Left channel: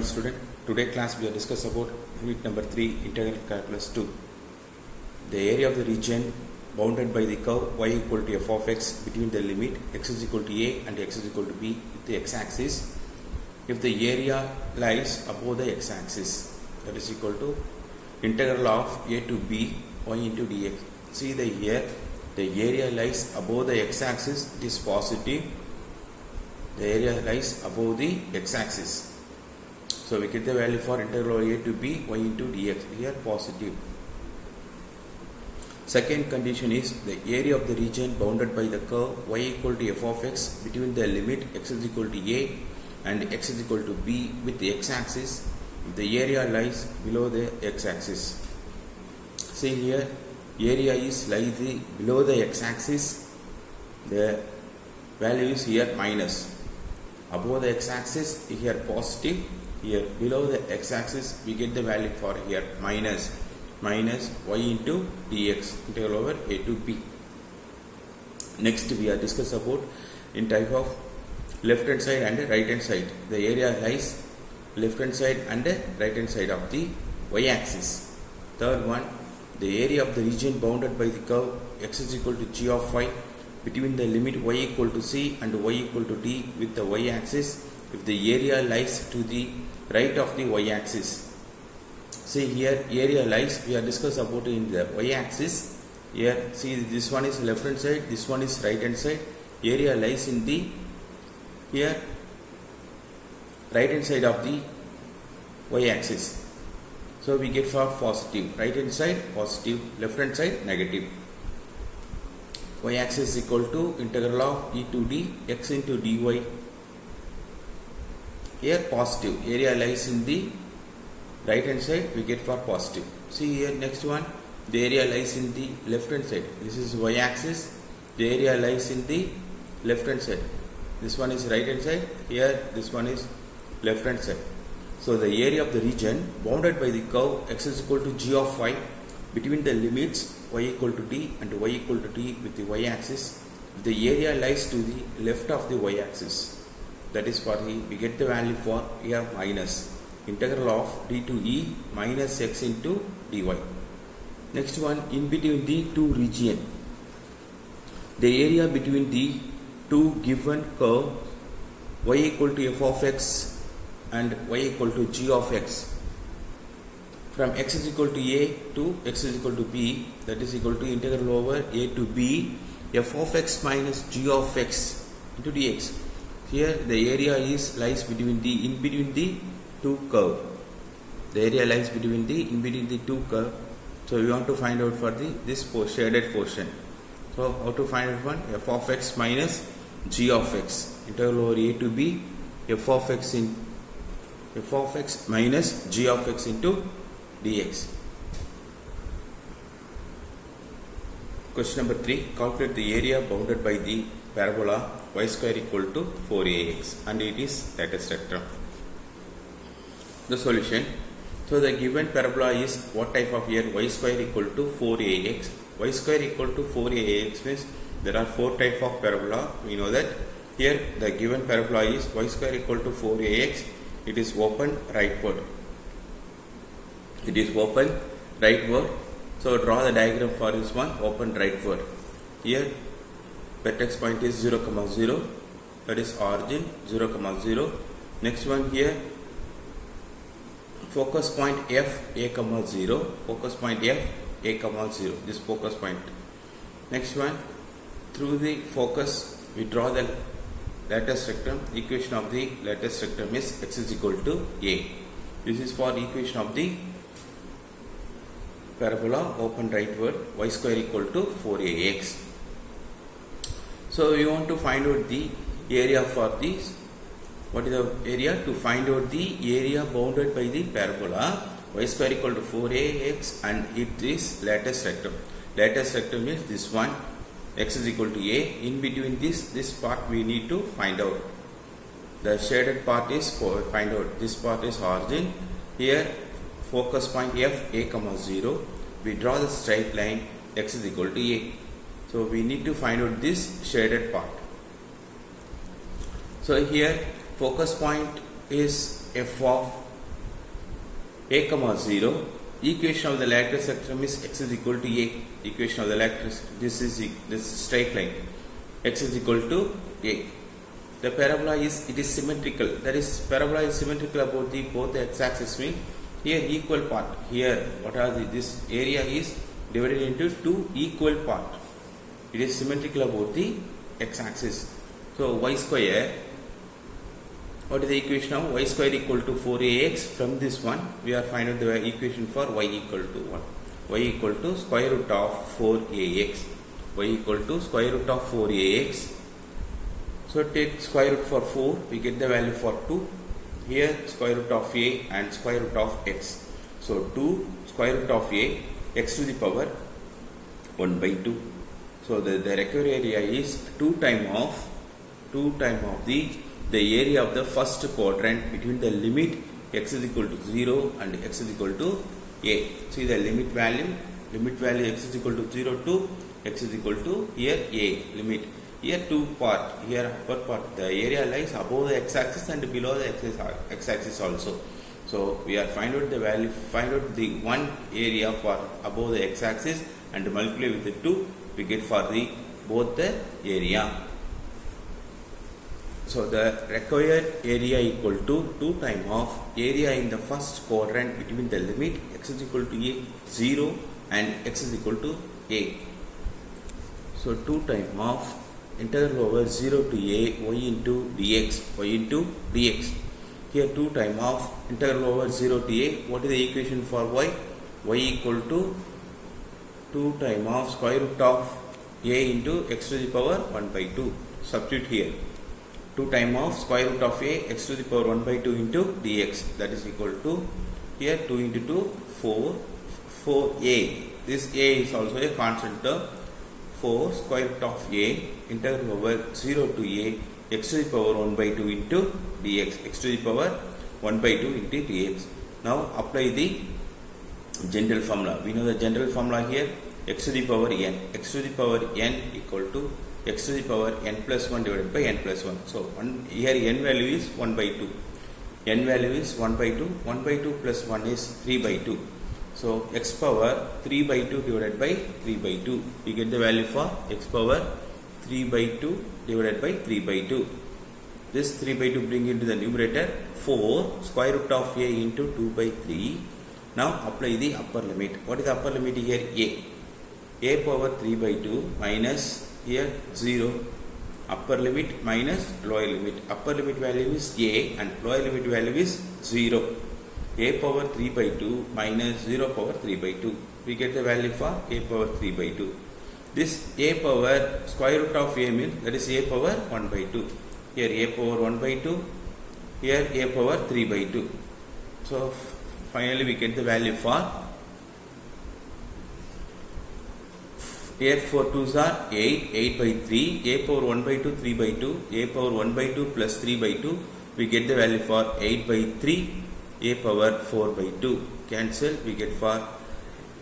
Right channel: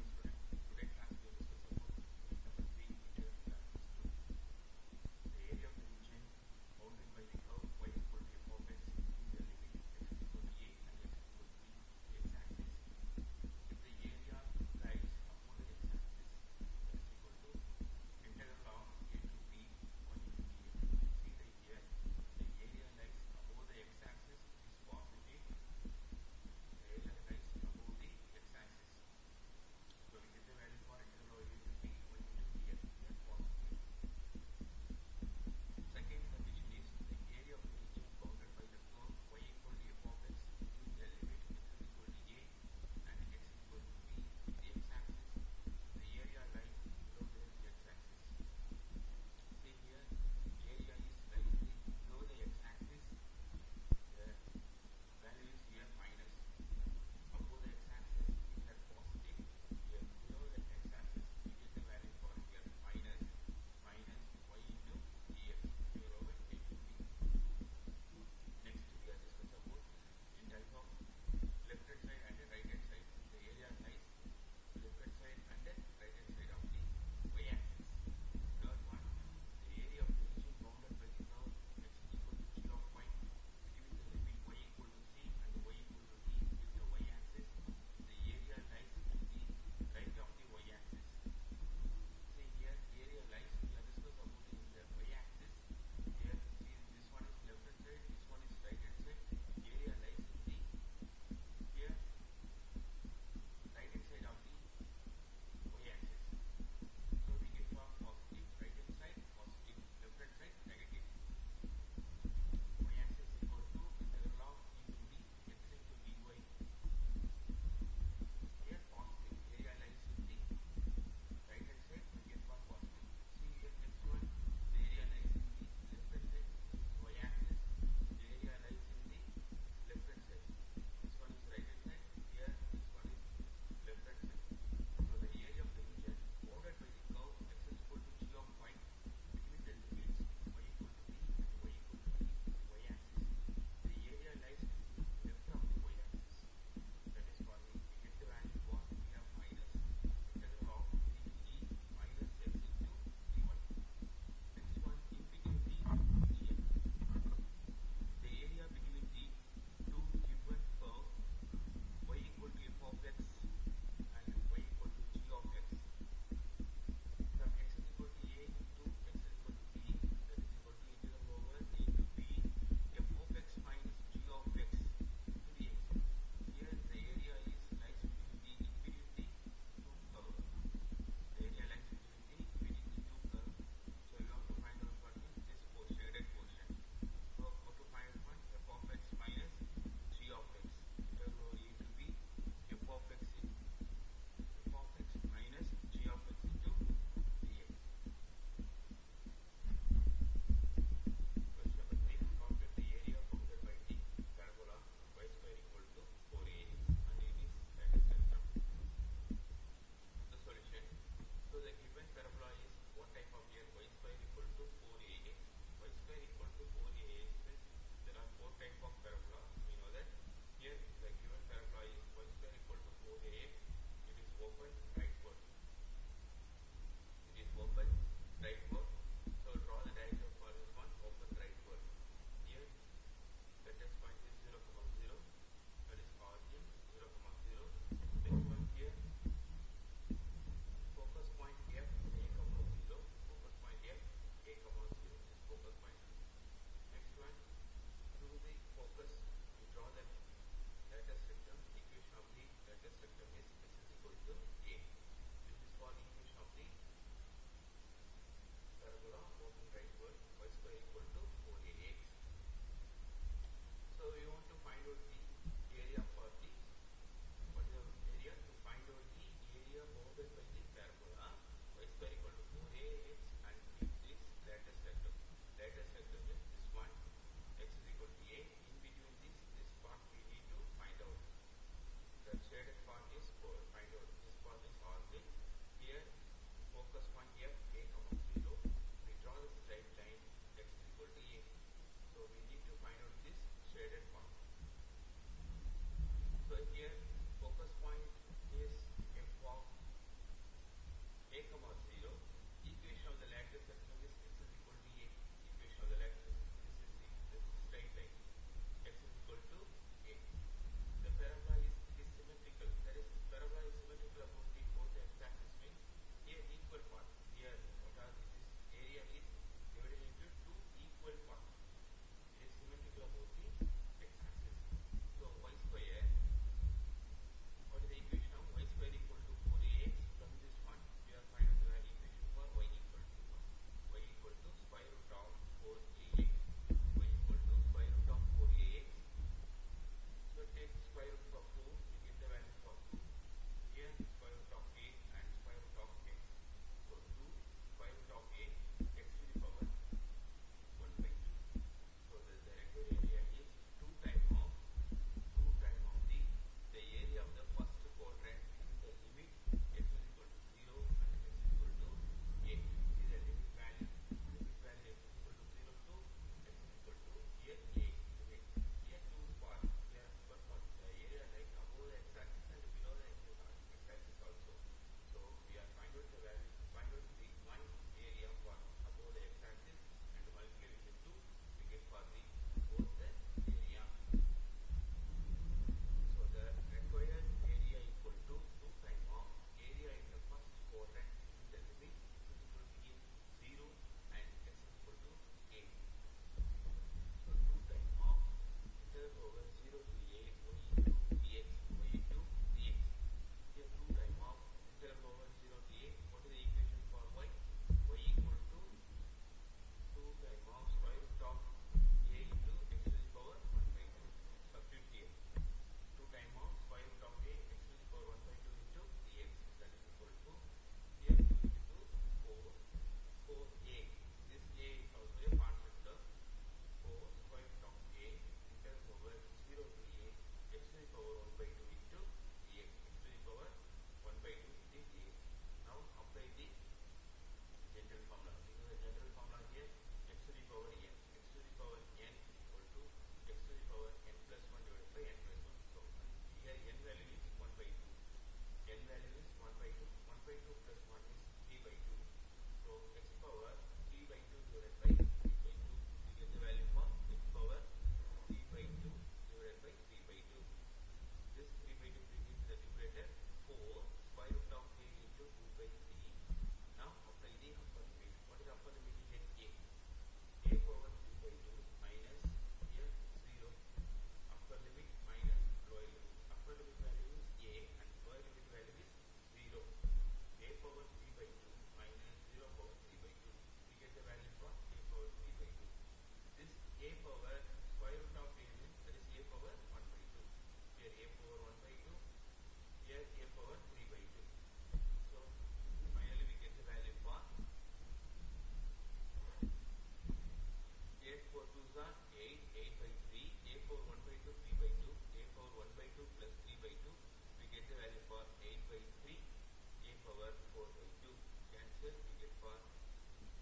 Hi student, today class we are discuss about unit number 3 integral calculus 2. The area of the region bounded by the curve y equal to f of x between the limit x is equal to a and x is equal to b with the x-axis if the area lies above the x-axis, that is equal to integral of a to b y into dx. See here the area lies above the x-axis, it is positive. The area lies above the x-axis. So we get the value for integral of a to b y into dx, here positive. Second condition is the area of the region bounded by the curve y equal to f of x between the limit x is equal to a and x is equal to b with the x-axis if the area lies below the x-axis. See here, area is lies below the x-axis, the value is here minus. Above the x-axis here positive, here below the x-axis we get the value for here minus y into dx, integral over a to b. Next we are discuss about in type of left hand side and right hand side. The area lies left hand side and right hand side of the y axis. Third one, the area of the region bounded by the curve x is equal to g of phi between the limit y equal to c and y equal to d with the y axis if the area lies to the right of the y axis. See here, area lies, we are discuss about in the y axis. Here see, this one is left hand side, this one is right hand side. Area lies in the here right hand side of the y axis. So we get for positive, right hand side positive, left hand side negative. Y axis is equal to integral of e to d x into dy. Here positive, area lies in the right hand side, we get for positive. See here, next one, the area lies in the left hand side. This is y axis, the area lies in the left hand side. This one is right hand side, here this one is left hand side. So the area of the region bounded by the curve x is equal to g of phi between the limits y equal to d and y equal to d with the y axis. The area lies to the left of the y axis. That is for the, we get the value for here minus integral of d to e minus x into dy. Next one, in between the two region, the area between the two given curve y equal to f of x and y equal to g of x from x is equal to a to x is equal to b, that is equal to integral over a to b f of x minus g of x into dx. Here the area is lies between the in between the two curve. The area lies between the two curve. So we want to find out for the this shaded portion. So how to find out one? F of x minus g of x, integral over a to b f of x minus g of x into dx. Question number 3, calculate the area bounded by the parabola y square equal to 4ax and it is lattice rectum. The solution. So the given parabola is what type of here? Y square equal to 4ax. Y square equal to 4ax means there are 4 type of parabola. We know that here the given parabola is y square equal to 4ax. It is open rightward. It is open rightward. So draw the diagram for this one, open rightward. Here vertex point is 0, 0, that is origin 0, 0. Next one here, focus point f a, 0, focus point f a, 0, this focus point. Next one, through the focus we draw the lattice rectum. Equation of the lattice rectum is x is equal to a. This is for equation of the parabola open rightward y square equal to 4ax. So we want to find out the area for this. What is the area? To find out the area bounded by the parabola y square equal to 4ax and it is lattice rectum. Lattice rectum is this one, x is equal to a. In between this part we need to find out. The shaded part is for find out. This part is origin. Here focus point f a, 0. We draw the straight line x is equal to a. So we need to find out this shaded part. So here focus point is f of a comma 0. Equation of the lateral spectrum is x is equal to a. Equation of the lateral, this is straight line. X is equal to a. The parabola is, it is symmetrical. That is, parabola is symmetrical about the both the x-axis means here equal part. Here, what are this area is divided into two equal part. It is symmetrical about the x-axis. So y square. What is the equation of y square equal to 4ax? From this one, we are finding the equation for y equal to 1. Y equal to square root of 4ax. Y equal to square root of 4ax. So take square root for 4, we get the value for 2. Here square root of a and square root of x. So 2 square root of a, x to the power 1 by 2. So the required area is 2 times of the area of the first quadrant between the limit x is equal to 0 and x is equal to a. See the limit value x is equal to 0 to x is equal to here a limit. Here two part, here upper part, the area lies above the x-axis and below the x-axis also. So we are find out the one area for above the x-axis and multiply with the 2, we get for the both the area. So the required area equal to 2 times of area in the first quadrant between the limit x is equal to a 0 and x is equal to a. So 2 times of integral over 0 to a y into dx. Here 2 times of integral over 0 to a. What is the equation for y? Y equal to 2 times of square root of a into x to the power 1 by 2. Substitute here. 2 times of square root of a x to the power 1 by 2 into dx. That is equal to here 2 into 2 4a. This a is also a constant term. 4 square root of a integral over 0 to a x to the power 1 by 2 into dx, x to the power 1 by 2 into dx. Now apply the general formula. We know the general formula here, x to the power n. X to the power n equal to x to the power n plus 1 divided by n plus 1. So here n value is 1 by 2. N value is 1 by 2. 1 by 2 plus 1 is 3 by 2. So x power 3 by 2 divided by 3 by 2. We get the value for x power 3 by 2 divided by 3 by 2. This 3 by 2 bring into the numerator 4 square root of a into 2 by 3. Now apply the upper limit. What is the upper limit here? A power 3 by 2 minus here 0. Upper limit minus lower limit. Upper limit value is a and lower limit value is 0. A power 3 by 2 minus 0 power 3 by 2. We get the value for a power 3 by 2. This a power square root of a means that is a power 1 by 2. Here a power 1 by 2. Here a power 3 by 2. So finally we get the value for 8 4 2s are 8 by 3. A power 1 by 2 3 by 2. A power 1 by 2 plus 3 by 2. We get the value for 8 by 3. A power 4 by 2. Cancel. We get for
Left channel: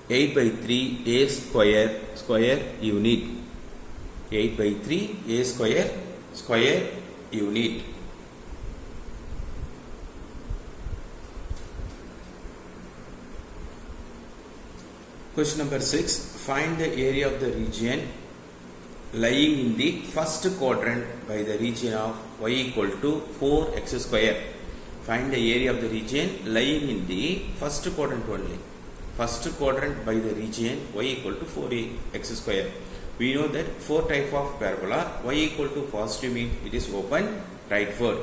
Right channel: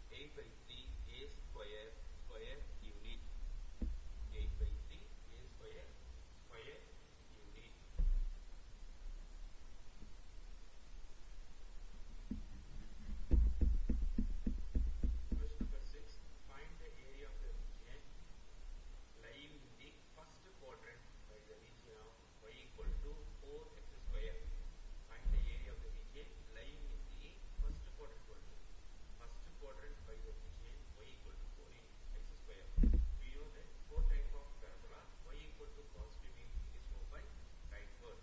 8 by 3 a square unit. 8 by 3 a square unit. Question number 6. Find the area of the region lying in the first quadrant by the region of y equal to 4x square. Find the area of the region lying in the first quadrant only. First quadrant by the region y equal to 4x square. We know that 4 type of parabola, y equal to positive means it is open rightward.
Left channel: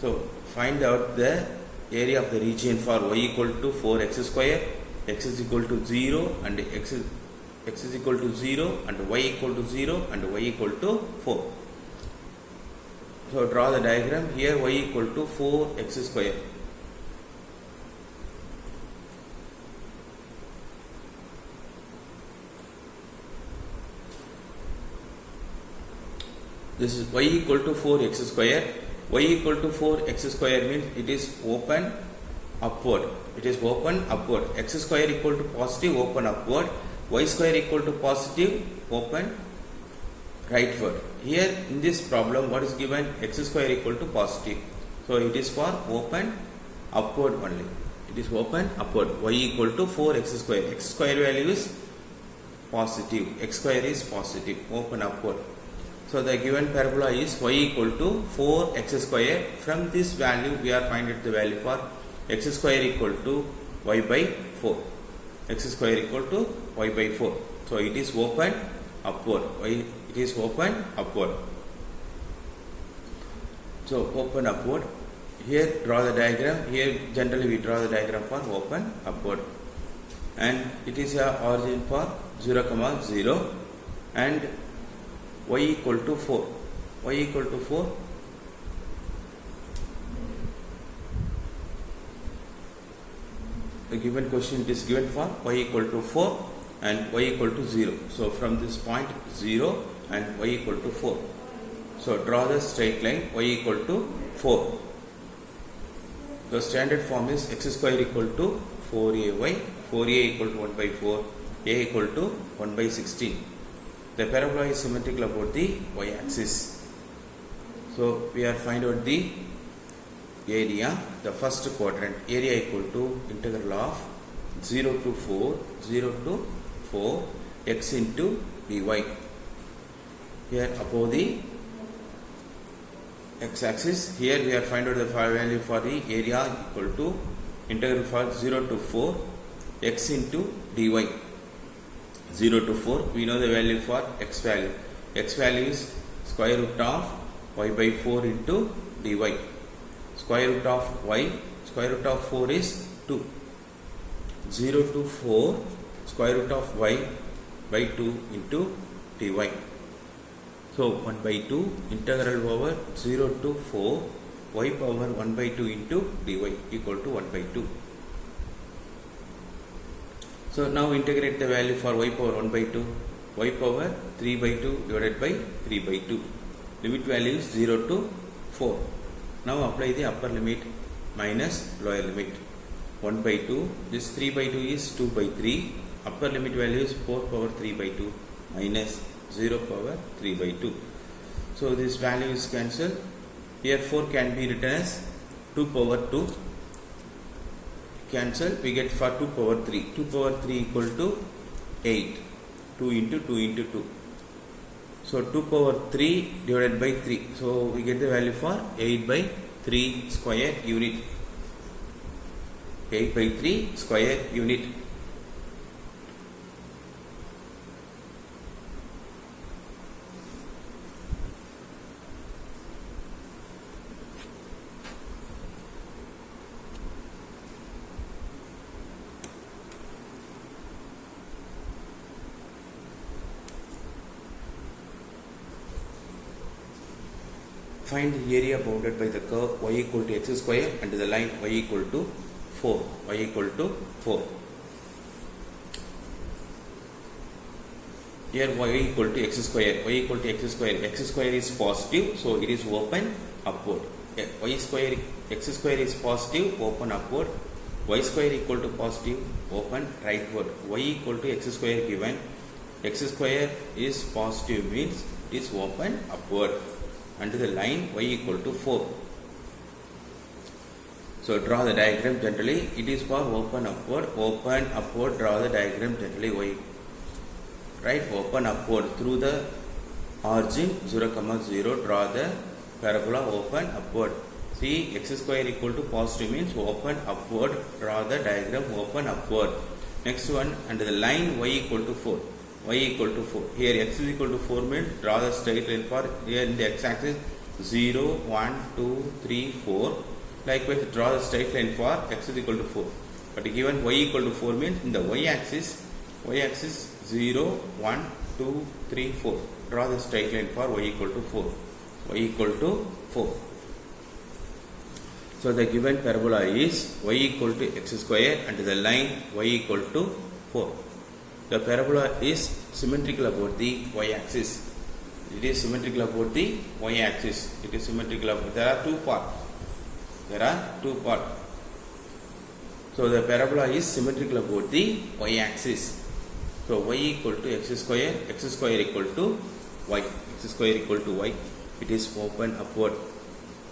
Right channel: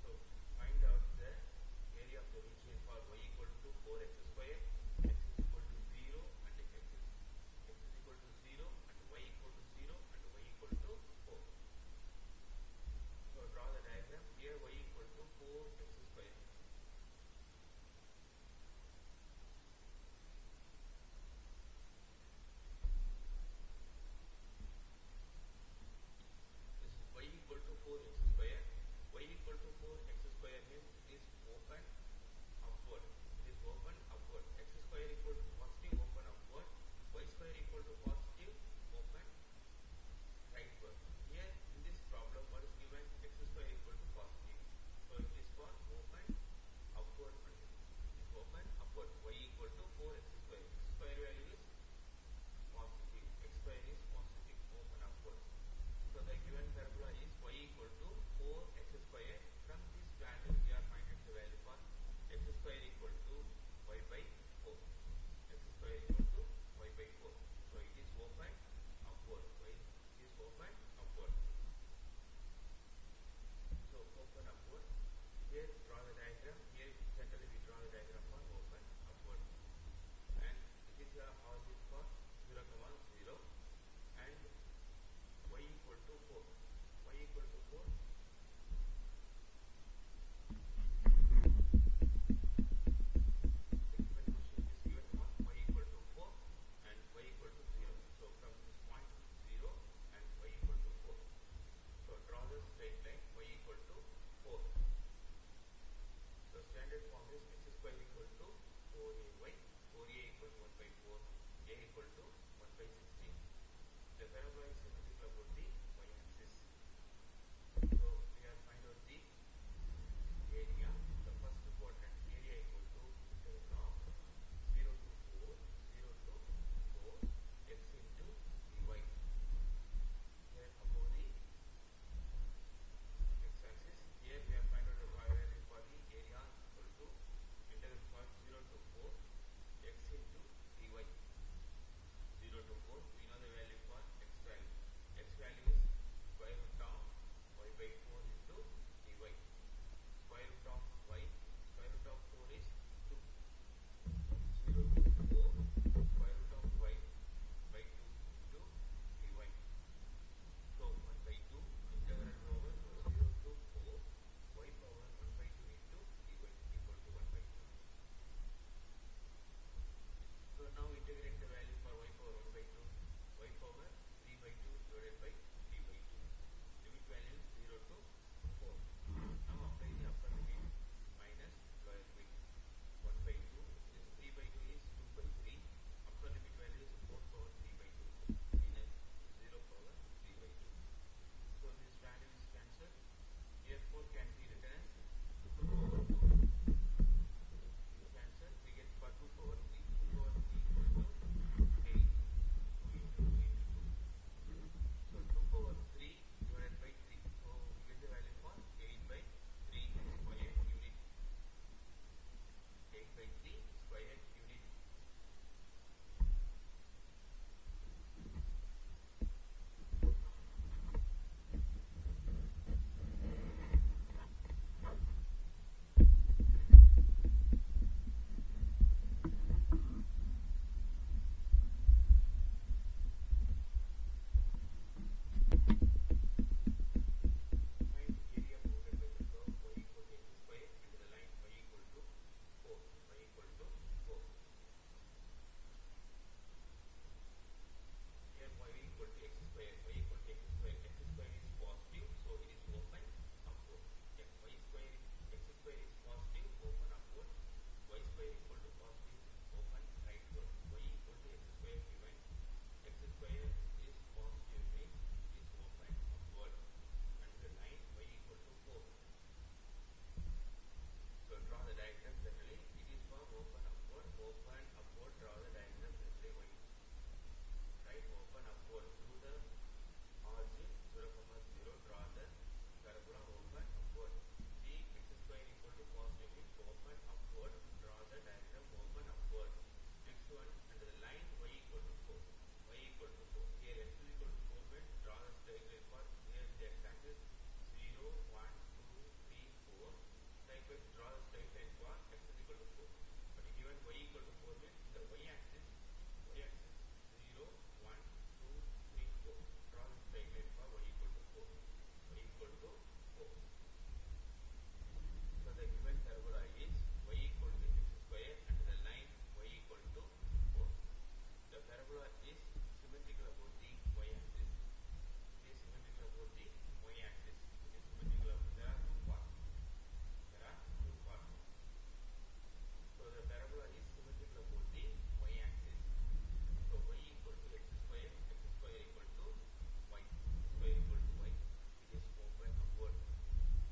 So find out the area of the region for y equal to 4x square, x is equal to 0 and x is equal to 0 and y equal to 0 and y equal to 4. So draw the diagram. Here y equal to 4x square. This is y equal to 4x square. Y equal to 4x square means it is open upward. It is open upward. X square equal to positive, open upward. Y square equal to positive, open rightward. Here in this problem, what is given? X square equal to positive. So it is for open upward only. It is open upward. Y equal to 4x square. X square value is positive. X square is positive. Open upward. So the given parabola is y equal to 4x square. From this value we are finding the value for x square equal to y by 4. X square equal to y by 4. So it is open upward. It is open upward. So open upward. Here draw the diagram. Here generally we draw the diagram for open upward. And it is a origin for 0, 0 and y equal to 4. Y equal to 4. The given question is given for y equal to 4 and y equal to 0. So from this point 0 and y equal to 4. So draw the straight line y equal to 4. The standard form is x square equal to 4ay, 4a equal to 1 by 4, a equal to 1 by 16. The parabola is symmetrical about the y-axis. So we are find out the area, the first quadrant, area equal to integral of 0 to 4 x into dy. Here above the x-axis, here we are find out the value for the area equal to integral for 0 to 4 x into dy. 0 to 4, we know the value for x value. X value is square root of y by 4 into dy. Square root of y, square root of 4 is 2. 0 to 4, square root of y by 2 into dy. So 1 by 2 integral over 0 to 4 y power 1 by 2 into dy equal to 1 by 2. So now integrate the value for y power 1 by 2, y power 3 by 2 divided by 3 by 2. Limit value is 0 to 4. Now apply the upper limit minus lower limit. 1 by 2, this 3 by 2 is 2 by 3. Upper limit value is 4 power 3 by 2 minus 0 power 3 by 2. So this value is cancelled. Here 4 can be written as 2 power 2. Cancel, we get for 2 power 3. 2 power 3 equal to 8. 2 into 2 into 2. So 2 power 3 divided by 3. So we get the value for 8 by 3 square unit. 8 by 3 square unit. Find the area bounded by the curve y equal to x square and the line y equal to 4. Y equal to 4. Here y equal to x square. Y equal to x square. X square is positive, so it is open upward. Y square, x square is positive, open upward. Y square equal to positive, open rightward. Y equal to x square given. X square is positive means it is open upward. And the line y equal to 4. So draw the diagram generally. It is for open upward, draw the diagram generally y. Right, open upward through the origin 0, 0, draw the parabola open upward. See, x square equal to positive means open upward, draw the diagram open upward. Next one, and the line y equal to 4. Y equal to 4. Here x is equal to 4 means draw the straight line for here in the x axis 0, 1, 2, 3, 4. Likewise draw the straight line for x is equal to 4. But given y equal to 4 means in the y axis 0, 1, 2, 3, 4. Draw the straight line for y equal to 4. Y equal to 4. So the given parabola is y equal to x square and the line y equal to 4. The parabola is symmetrical about the y-axis. It is symmetrical about the y-axis. It is symmetrical about. There are two parts. So the parabola is symmetrical about the y-axis. So y equal to x square equal to y. X square equal to y. It is open upward.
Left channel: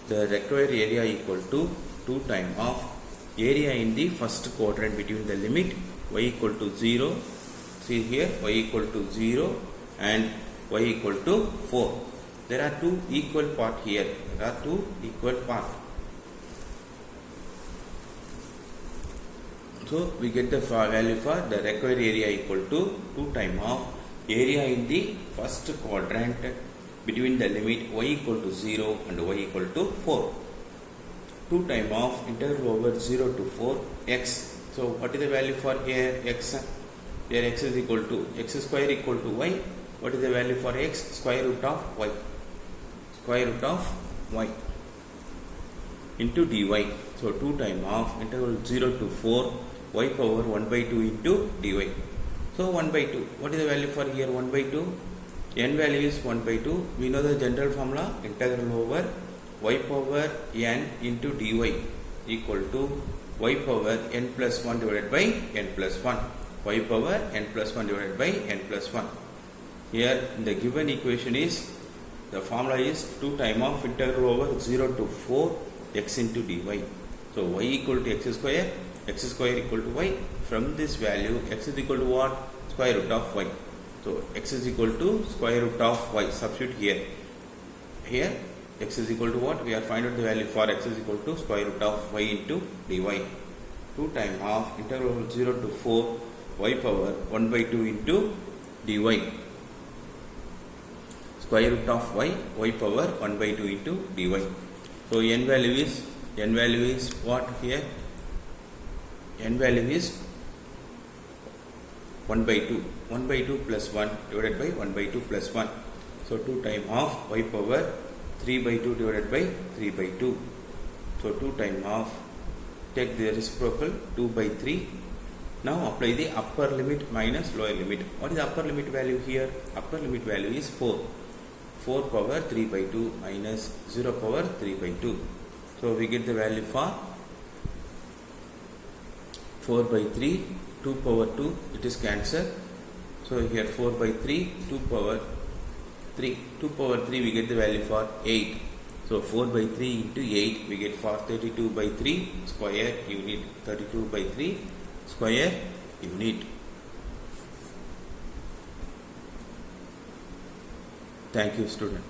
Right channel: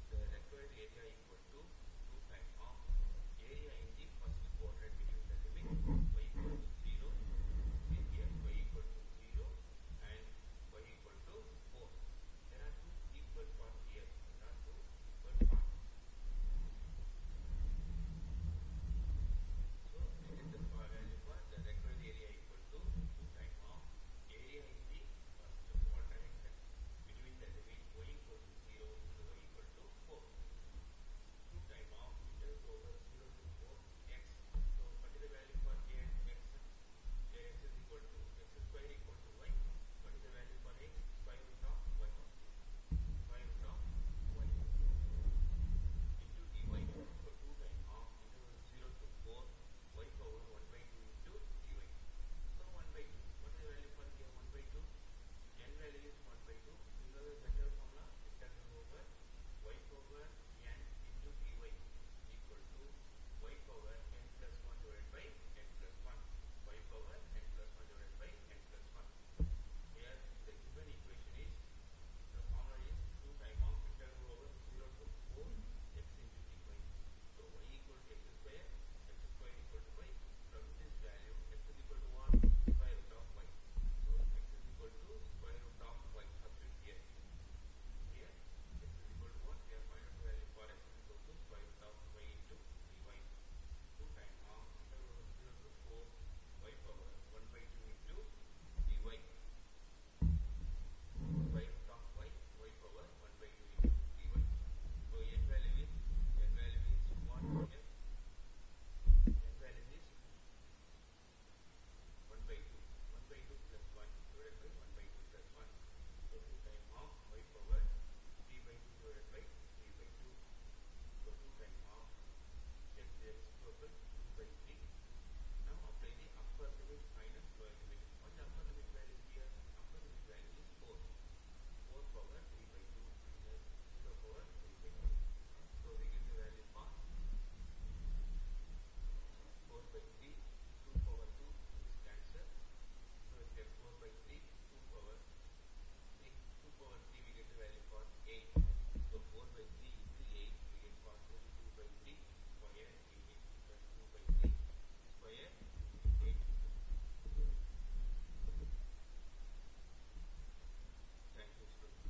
The required area equal to 2 times of area in the first quadrant between the limit y equal to 0, see here y equal to 0 and y equal to 4. There are two equal part here. There are two equal part. So we get the value for the required area equal to 2 times of area in the first quadrant between the limit y equal to 0 and y equal to 4. 2 times of integral over 0 to 4 x. So what is the value for here x? Here x is equal to x square equal to y. What is the value for x? Square root of y. Square root of y into dy. So 2 times of integral 0 to 4 y power 1 by 2 into dy. So 1 by 2. What is the value for here 1 by 2? N value is 1 by 2. We know the general formula integral over y power n into dy equal to y power n plus 1 divided by n plus 1. Y power n plus 1 divided by n plus 1. Here in the given equation is the formula is 2 times of integral over 0 to 4 x into dy. So y equal to x square equal to y. From this value x is equal to what? Square root of y. So x is equal to square root of y. Substitute here. Here x is equal to what? We are finding out the value for x is equal to square root of y into dy. 2 times of integral over 0 to 4 y power 1 by 2 into dy. Square root of y power 1 by 2 into dy. So n value is what here? N value is 1 by 2. 1 by 2 plus 1 divided by 1 by 2 plus 1. So 2 times of y power 3 by 2 divided by 3 by 2. So 2 times of, take the reciprocal 2 by 3. Now apply the upper limit minus lower limit. What is the upper limit value here? Upper limit value is 4. 4 power 3 by 2 minus 0 power 3 by 2. So we get the value for 4 by 3, 2 power 2, it is cancelled. So here 4 by 3, 2 power 3. 2 power 3 we get the value for 8. So 4 by 3 into 8 we get for 32 by 3 square unit. 32 by 3 square unit. Thank you, student.